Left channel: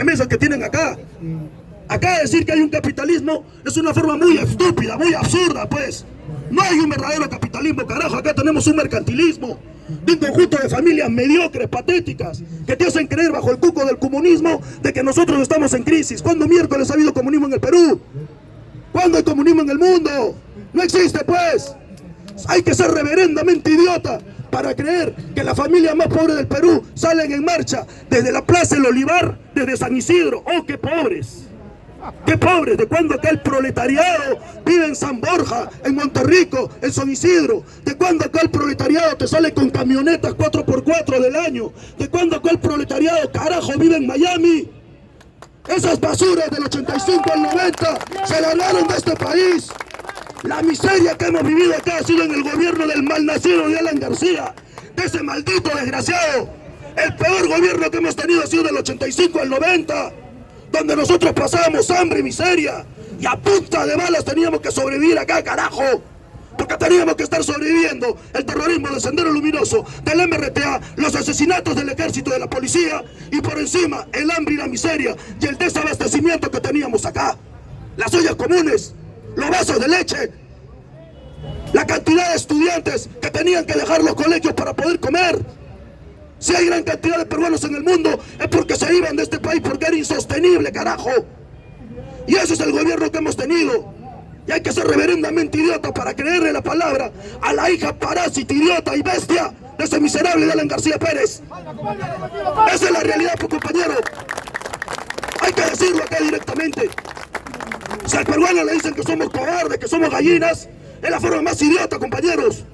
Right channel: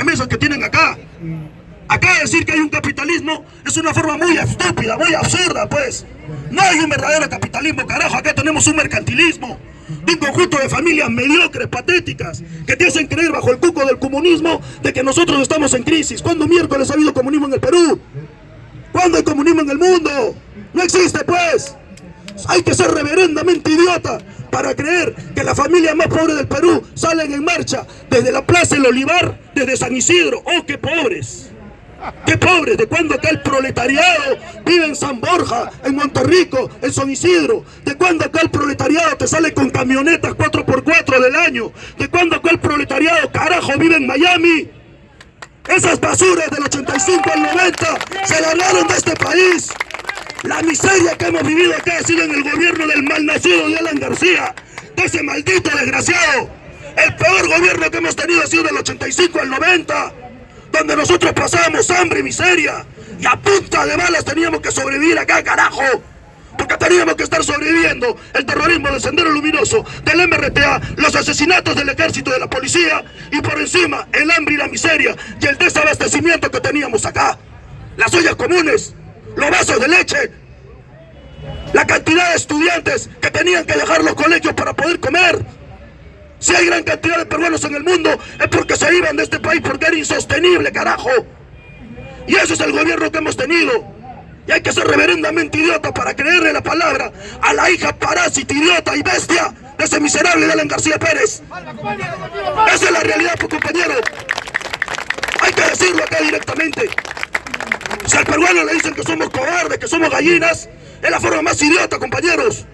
remesas que tienen acá. Acá decir que hay un capitalismo es una forma muy estúpida, muy absurda, pues. No hay un verdadero capitalismo, carajo. Acá tenemos un mercantilismo de un conjunto de familias mediocres, patéticas, que te hacen creer bajo el cuco del comunismo de que nosotros estamos en crisis. ¿Cuándo miércoles ha habido comunismo en el Perú? ¿Cuándo hay comunismo en el mundo? No existe, pues. Hay que ser reverendamente idiota para creer que las familias más pobres del Perú salen en marcha desde la Plaza del Olivar, desde San Isidro. ¡Oh, qué pobres! ¡Qué pobres! ¿De cuándo acá el proletariado vive en San Borja, en Monterrico, en San Isidro? ¿De cuándo acá el proletariado te sale con camionetas 4x4 del año? ¿De cuándo acá el proletariado, carajo, vive en Miami? Esas basuras del 85 al 90 se ganaron de este país. La miseria que hemos vivido acá ha sido en el gobierno del malnacido de Alan García, de ese maldito desgraciado. El peor gobierno que hemos tenido ha sido del 85 al 90, donde nosotros pasábamos hambre y miseria, y a punta de balas teníamos que sobrevivir acá, carajo, porque teníamos que estar sobreviviendo el terrorismo del Sendero Luminoso, del MRTA, los asesinatos del ejército, de la policía, y por encima el hambre y la miseria y el desabastecimiento que teníamos acá. Las ollas comunes, los vasos de leche, la cantidad de estudiantes que tenían que dejar los colegios para poder comer. Si hay gran cantidad de peruanos en el mundo es porque se iban de este país porque era insostenible, carajo. Y ese es el gobierno que hemos tenido. Y hay que ser reverendamente idiota para creerle la palabra a la hija parásita, idiota y bestia de ese miserable de Alan García Pérez. Esa es la realidad, pues, compañero. Hay que decirlo acá directamente. Si al peruano le dicen que somos cobardes, que somos gallinas, es la forma más idiota, compañeros.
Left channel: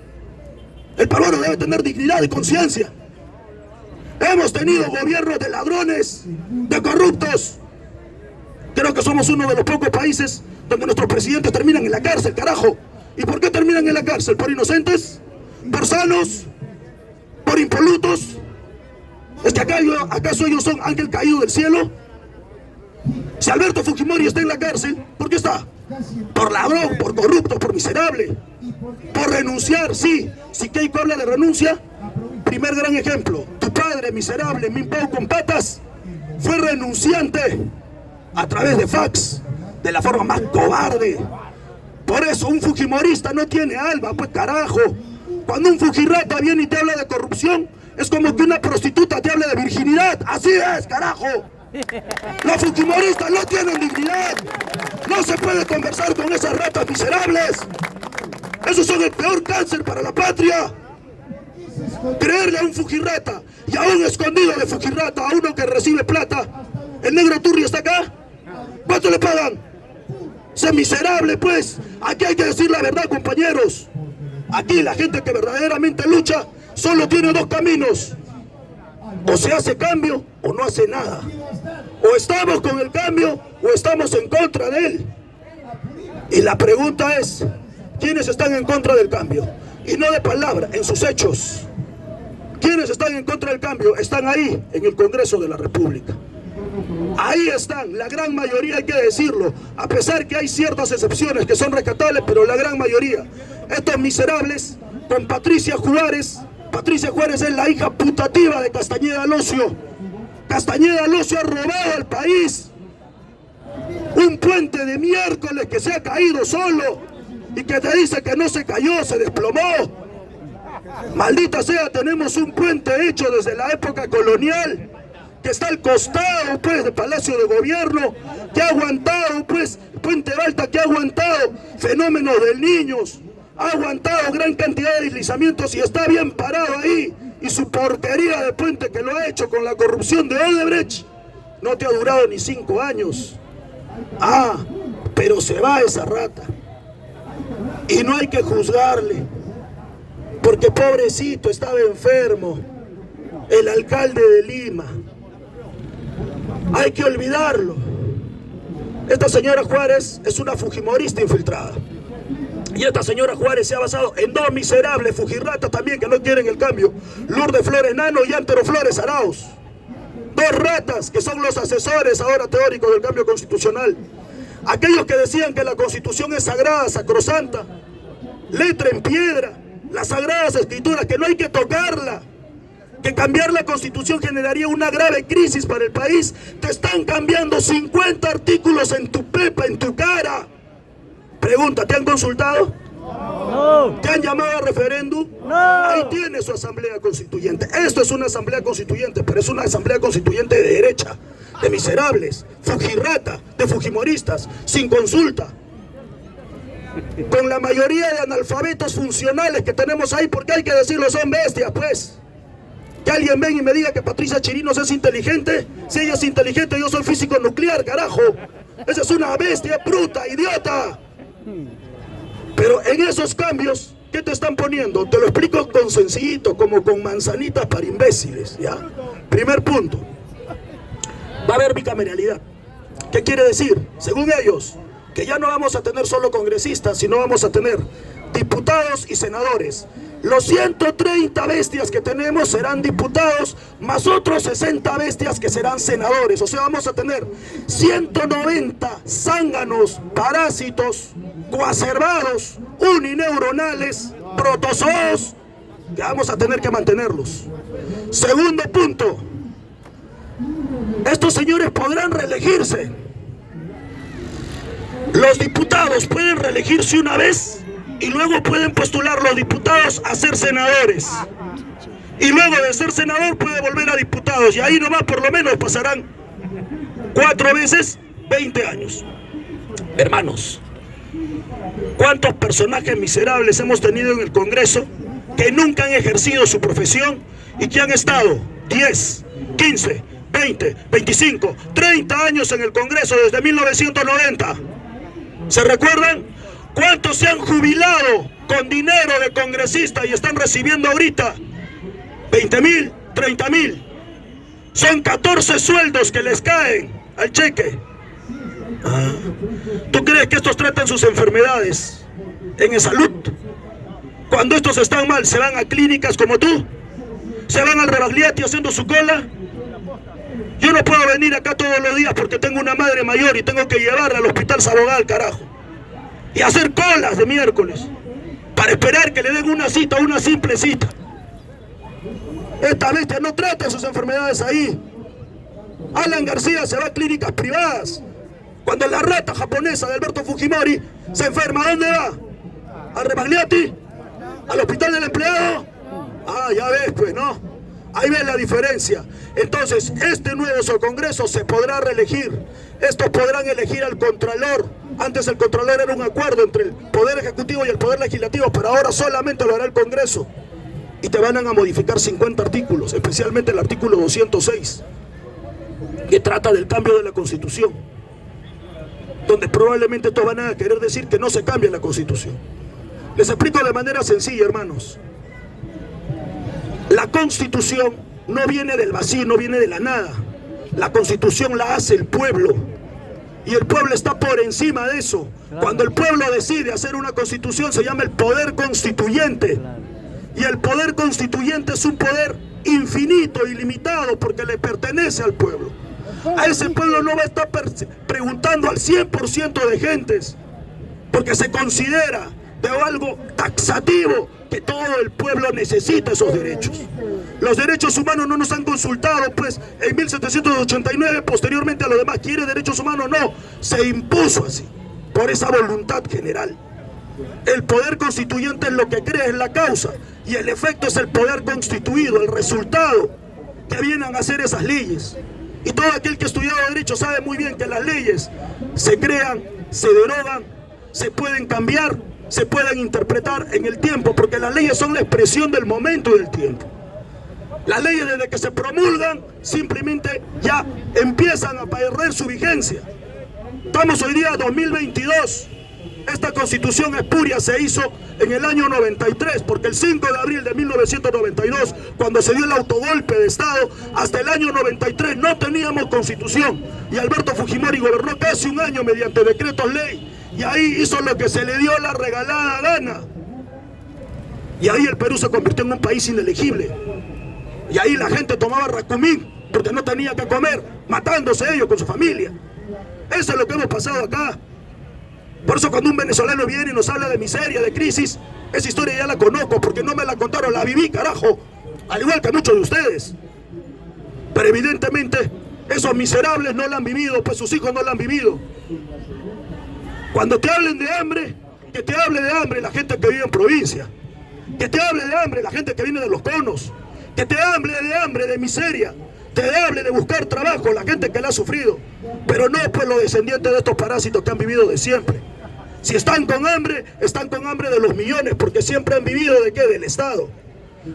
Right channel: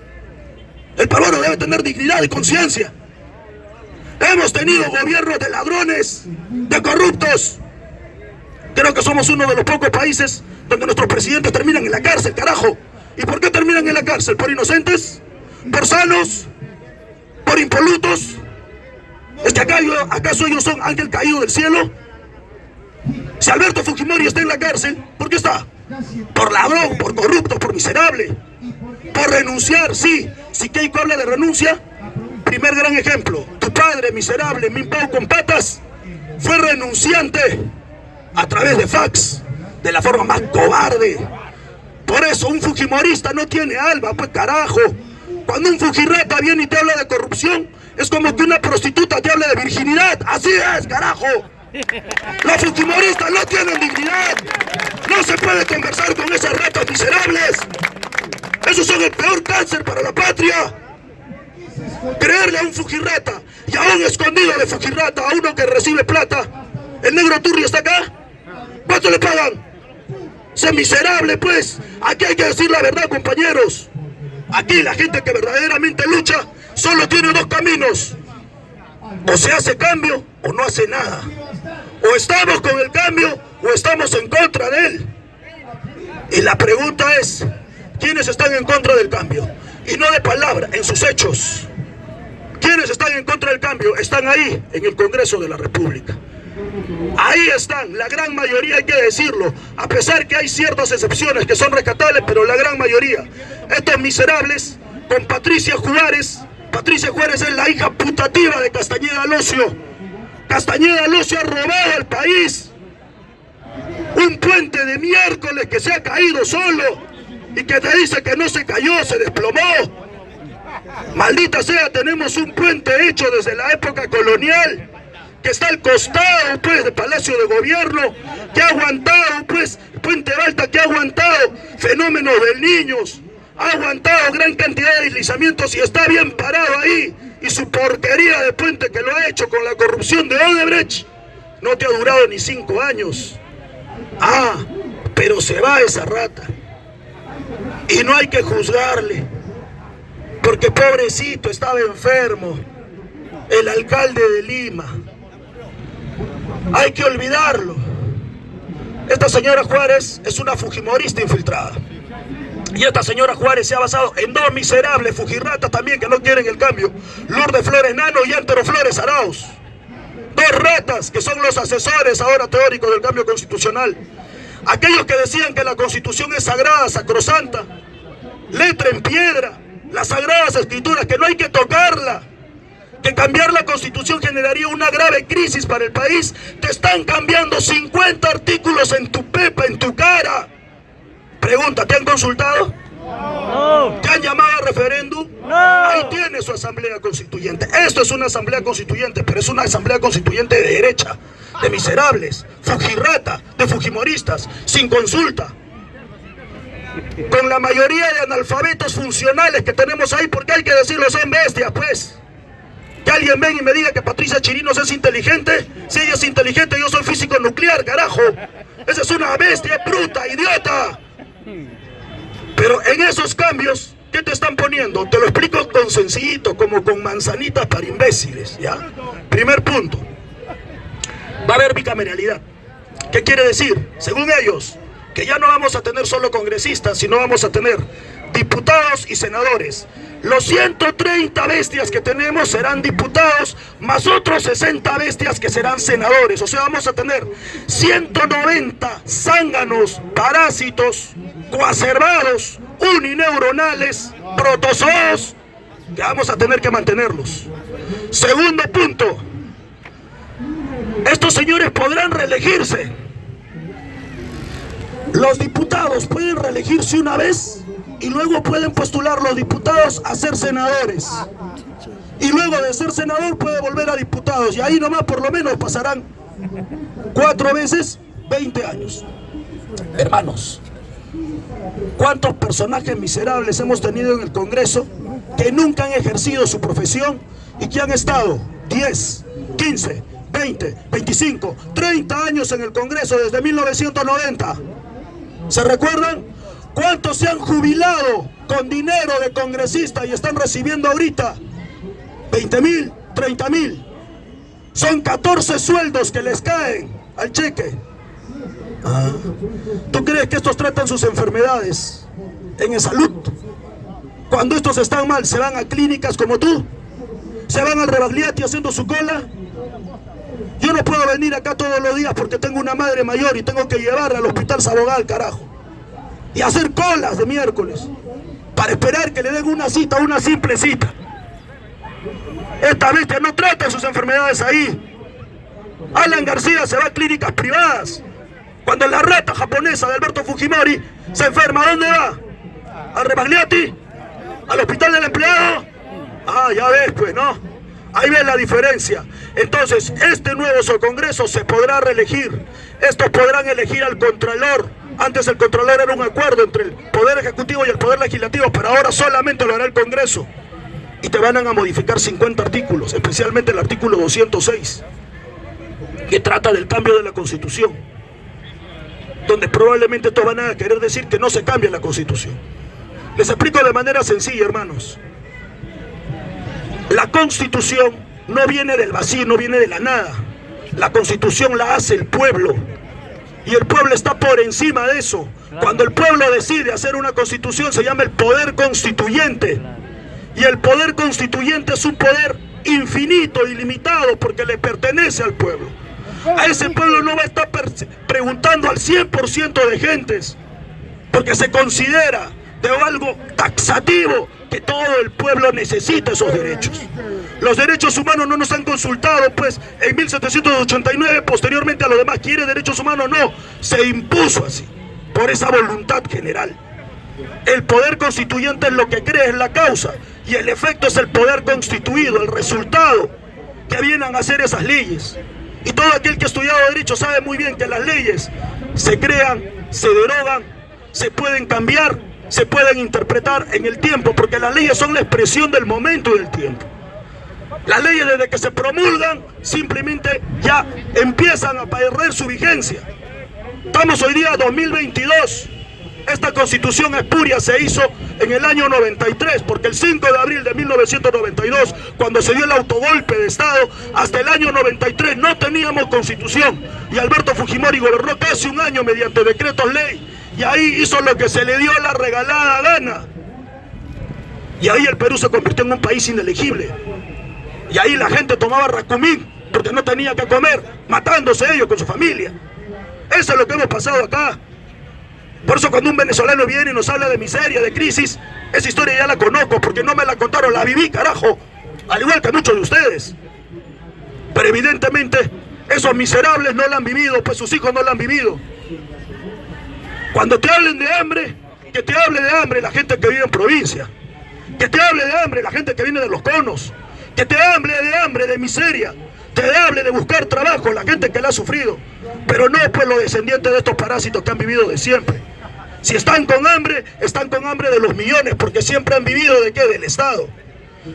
El peruano debe tener dignidad y conciencia. Hemos tenido gobiernos de ladrones, de corruptos. Creo que somos uno de los pocos países donde nuestros presidentes terminan en la cárcel, carajo. ¿Y por qué terminan en la cárcel? ¿Por inocentes? ¿Por sanos? ¿Por impolutos? ¿Es que acaso ellos son ángel caído del cielo? Si Alberto Fujimori está en la cárcel, ¿por qué está? Por ladrón, por corrupto, por miserable. Por renunciar, sí. Si Keiko habla de renuncia, primer gran ejemplo. Tu padre, miserable, Minpao con patas, fue renunciante a través de fax, de la forma más cobarde. Por eso un fujimorista no tiene alma, pues carajo. Cuando un fujirrata viene y te habla de corrupción, es como que una prostituta te habla de virginidad. Así es, carajo. Los fujimoristas no tienen dignidad. No se puede conversar con esas ratas miserables. Esos son el peor cáncer para la patria. Creerle a un fujirrata y a un escondido de fujirrata, a uno que recibe plata. ¿El negro Turri está acá? ¿Cuánto le pagan? Ese miserable, pues. Aquí hay que decir la verdad, compañeros. Aquí la gente que verdaderamente lucha solo tiene dos caminos. O se hace cambio o no hace nada. O estamos con el cambio o estamos en contra de él. Y la pregunta es, ¿quiénes están en contra del cambio? Y no de palabra, en sus hechos. ¿Quiénes están en contra del cambio? Están ahí, en el Congreso de la República. Ahí están, la gran mayoría, hay que decirlo, a pesar que hay ciertas excepciones que son rescatables, pero la gran mayoría. Estos miserables, con Patricia Juárez es la hija putativa de Castañeda Alonso. Castañeda Alonso ha robado al país. Un puente de miércoles que se ha caído solo y que te dice que no se cayó, se desplomó. Maldita sea, tenemos un puente hecho desde la época colonial, que está al costado, pues, del Palacio de Gobierno, que ha aguantado, pues, Puente Balta, que ha aguantado fenómenos del Niños, ha aguantado gran cantidad de deslizamientos y está bien parado ahí. Y su porquería de puente que lo ha hecho con la corrupción de Odebrecht no te ha durado ni 5 años. Ah, pero se va esa rata. Y no hay que juzgarle, porque pobrecito estaba enfermo, el alcalde de Lima. Hay que olvidarlo. Esta señora Juárez es una fujimorista infiltrada. Y esta señora Juárez se ha basado en dos miserables fujirratas también que no quieren el cambio. Lourdes Flores Nano y Antero Flores Arauz. Dos ratas que son los asesores ahora teóricos del cambio constitucional. Aquellos que decían que la Constitución es sagrada, sacrosanta, letra en piedra, las sagradas escrituras, que no hay que tocarla. que cambiar la Constitución generaría una grave crisis para el país, te están cambiando 50 artículos en tu pepa, en tu cara. Pregunta, ¿te han consultado? No. ¿Te han llamado a referéndum? No. Ahí tiene su asamblea constituyente. Esto es una asamblea constituyente, pero es una asamblea constituyente de derecha, de miserables, fujirrata, de fujimoristas, sin consulta, con la mayoría de analfabetos funcionales que tenemos ahí, porque hay que decirlo, son bestias, pues. Que alguien venga y me diga que Patricia Chirinos es inteligente. Si ella es inteligente, yo soy físico nuclear, carajo. Esa es una bestia, bruta, idiota. Pero en esos cambios, ¿qué te están poniendo? Te lo explico con sencillito, como con manzanitas para imbéciles, ¿ya? Primer punto. Va a haber bicameralidad. ¿Qué quiere decir? Según ellos, que ya no vamos a tener solo congresistas, sino vamos a tener diputados y senadores. Los 130 bestias que tenemos serán diputados, más otros 60 bestias que serán senadores. O sea, vamos a tener 190 zánganos, parásitos, coacervados, unineuronales, protozoos, que vamos a tener que mantenerlos. Segundo punto, estos señores podrán reelegirse. Los diputados pueden reelegirse una vez y luego pueden postular los diputados a ser senadores. Y luego de ser senador puede volver a diputados. Y ahí nomás por lo menos pasarán 4 veces 20 años. Hermanos, ¿cuántos personajes miserables hemos tenido en el Congreso que nunca han ejercido su profesión y que han estado 10, 15, 20, 25, 30 años en el Congreso desde 1990? ¿Se recuerdan? ¿Cuántos se han jubilado con dinero de congresista y están recibiendo ahorita 20.000, 30.000? Son 14 sueldos que les caen al cheque. ¿Tú crees que estos tratan sus enfermedades en salud? Cuando estos están mal, ¿se van a clínicas como tú? ¿Se van al Rebagliati haciendo su cola? Yo no puedo venir acá todos los días porque tengo una madre mayor y tengo que llevarla al hospital Sabogal, carajo, y hacer colas de miércoles para esperar que le den una cita, una simple cita. Esta bestia no trata sus enfermedades ahí. Alan García se va a clínicas privadas. Cuando la rata japonesa de Alberto Fujimori se enferma, ¿a dónde va? ¿Al Rebagliati? ¿Al hospital del empleado? Ah, ya ves, pues, ¿no? Ahí ves la diferencia. Entonces, este nuevo Congreso se podrá reelegir. Estos podrán elegir al Contralor. Antes el Contralor era un acuerdo entre el Poder Ejecutivo y el Poder Legislativo, pero ahora solamente lo hará el Congreso. Y te van a modificar 50 artículos, especialmente el artículo 206, que trata del cambio de la Constitución, donde probablemente todos van a querer decir que no se cambie la Constitución. Les explico de manera sencilla, hermanos. La Constitución no viene del vacío, no viene de la nada. La Constitución la hace el pueblo. Y el pueblo está por encima de eso. Cuando el pueblo decide hacer una Constitución, se llama el poder constituyente. Y el poder constituyente es un poder infinito, ilimitado, porque le pertenece al pueblo. A ese pueblo no va a estar preguntando al 100% de gentes, porque se considera de algo taxativo que todo el pueblo necesita esos derechos. Los derechos humanos no nos han consultado, pues, en 1789, posteriormente a lo demás. ¿Quiere derechos humanos? No, se impuso así, por esa voluntad general. El poder constituyente es lo que crea, es la causa, y el efecto es el poder constituido, el resultado que vienen a hacer esas leyes. Y todo aquel que ha estudiado derecho sabe muy bien que las leyes se crean, se derogan, se pueden cambiar, se pueden interpretar en el tiempo, porque las leyes son la expresión del momento y del tiempo. Las leyes, desde que se promulgan, simplemente ya empiezan a perder su vigencia. Estamos hoy día 2022. Esta Constitución espuria se hizo en el año 93, porque el 5 de abril de 1992, cuando se dio el autogolpe de Estado, hasta el año 93 no teníamos Constitución. Y Alberto Fujimori gobernó casi un año mediante decretos ley. Y ahí hizo lo que se le dio la regalada gana. Y ahí el Perú se convirtió en un país inelegible. Y ahí la gente tomaba racumín porque no tenía que comer, matándose ellos con su familia. Eso es lo que hemos pasado acá. Por eso cuando un venezolano viene y nos habla de miseria, de crisis, esa historia ya la conozco, porque no me la contaron, la viví, carajo. al igual que muchos de ustedes. Pero evidentemente esos miserables no la han vivido, pues sus hijos no la han vivido. Cuando te hablen de hambre, que te hable de hambre la gente que vive en provincia, que te hable de hambre la gente que viene de los conos, que te hable de hambre, de miseria, te hable de buscar trabajo la gente que la ha sufrido, pero no pues los descendientes de estos parásitos que han vivido de siempre. Si están con hambre de los millones, porque siempre han vivido ¿de qué? Del Estado.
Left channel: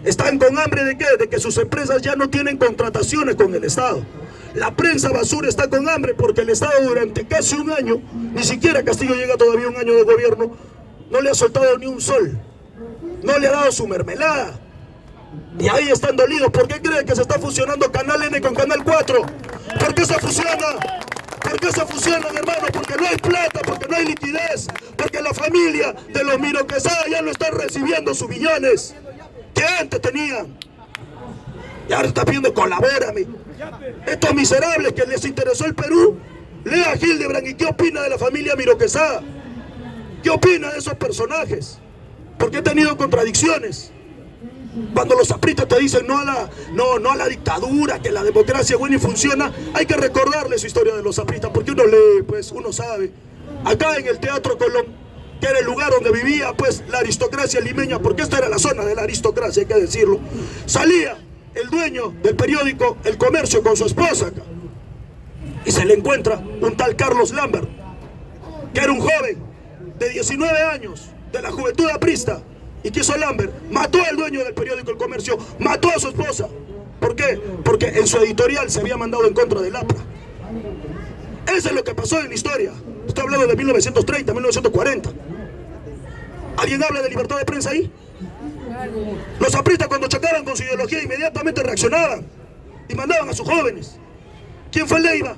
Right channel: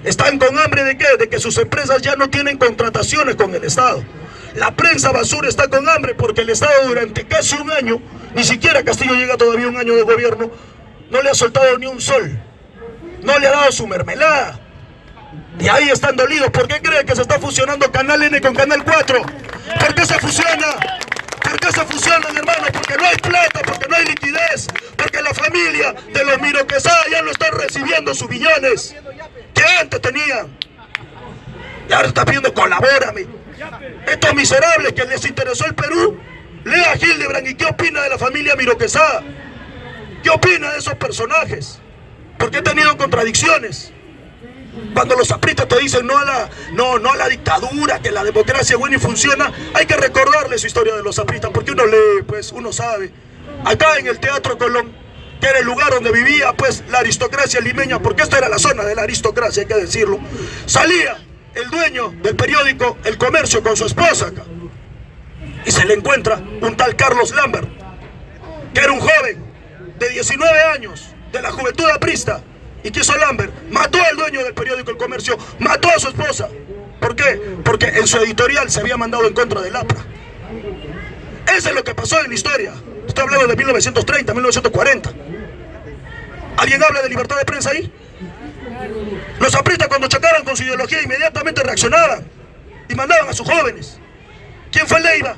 Están con hambre ¿de qué? De que sus empresas ya no tienen contrataciones con el Estado. La prensa basura está con hambre porque el Estado durante casi un año, ni siquiera Castillo llega todavía un año de gobierno, no le ha soltado ni un sol, no le ha dado su mermelada. Y ahí están dolidos. ¿Por qué creen que se está fusionando Canal N con Canal 4? ¿Por qué se fusiona? ¿Por qué se fusionan, hermano? Porque no hay plata, porque no hay liquidez, porque la familia de los Miro Quesada ya no están recibiendo sus billones que antes tenían. Y ahora está pidiendo colabórame. Estos miserables que les interesó el Perú, lea a Hildebrand. ¿Y qué opina de la familia Miro Quesada? ¿Qué opina de esos personajes? Porque he tenido contradicciones. Cuando los apristas te dicen no a la dictadura, que la democracia es buena y funciona, hay que recordarle su historia de los apristas, porque uno lee, pues uno sabe. Acá en el Teatro Colón, que era el lugar donde vivía pues la aristocracia limeña, porque esta era la zona de la aristocracia, hay que decirlo, salía el dueño del periódico El Comercio con su esposa acá, y se le encuentra un tal Carlos Lambert, que era un joven de 19 años, de la juventud aprista. ¿Y qué hizo Lambert? Mató al dueño del periódico El Comercio, mató a su esposa. ¿Por qué? Porque en su editorial se había mandado en contra del APRA. Eso es lo que pasó en la historia. Estoy hablando de 1930, 1940. ¿Alguien habla de libertad de prensa ahí? Los apristas cuando chocaban con su ideología inmediatamente reaccionaban y mandaban a sus jóvenes. ¿Quién fue Leiva?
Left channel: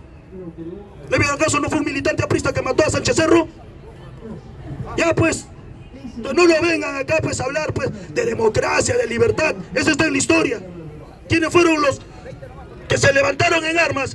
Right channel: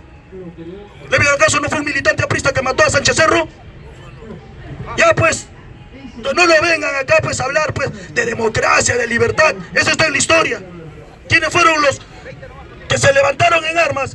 ¿Leiva acaso no fue un militante aprista que mató a Sánchez Cerro? Ya pues, no lo vengan acá pues a hablar pues de democracia, de libertad. Eso está en la historia. ¿Quiénes fueron los que se levantaron en armas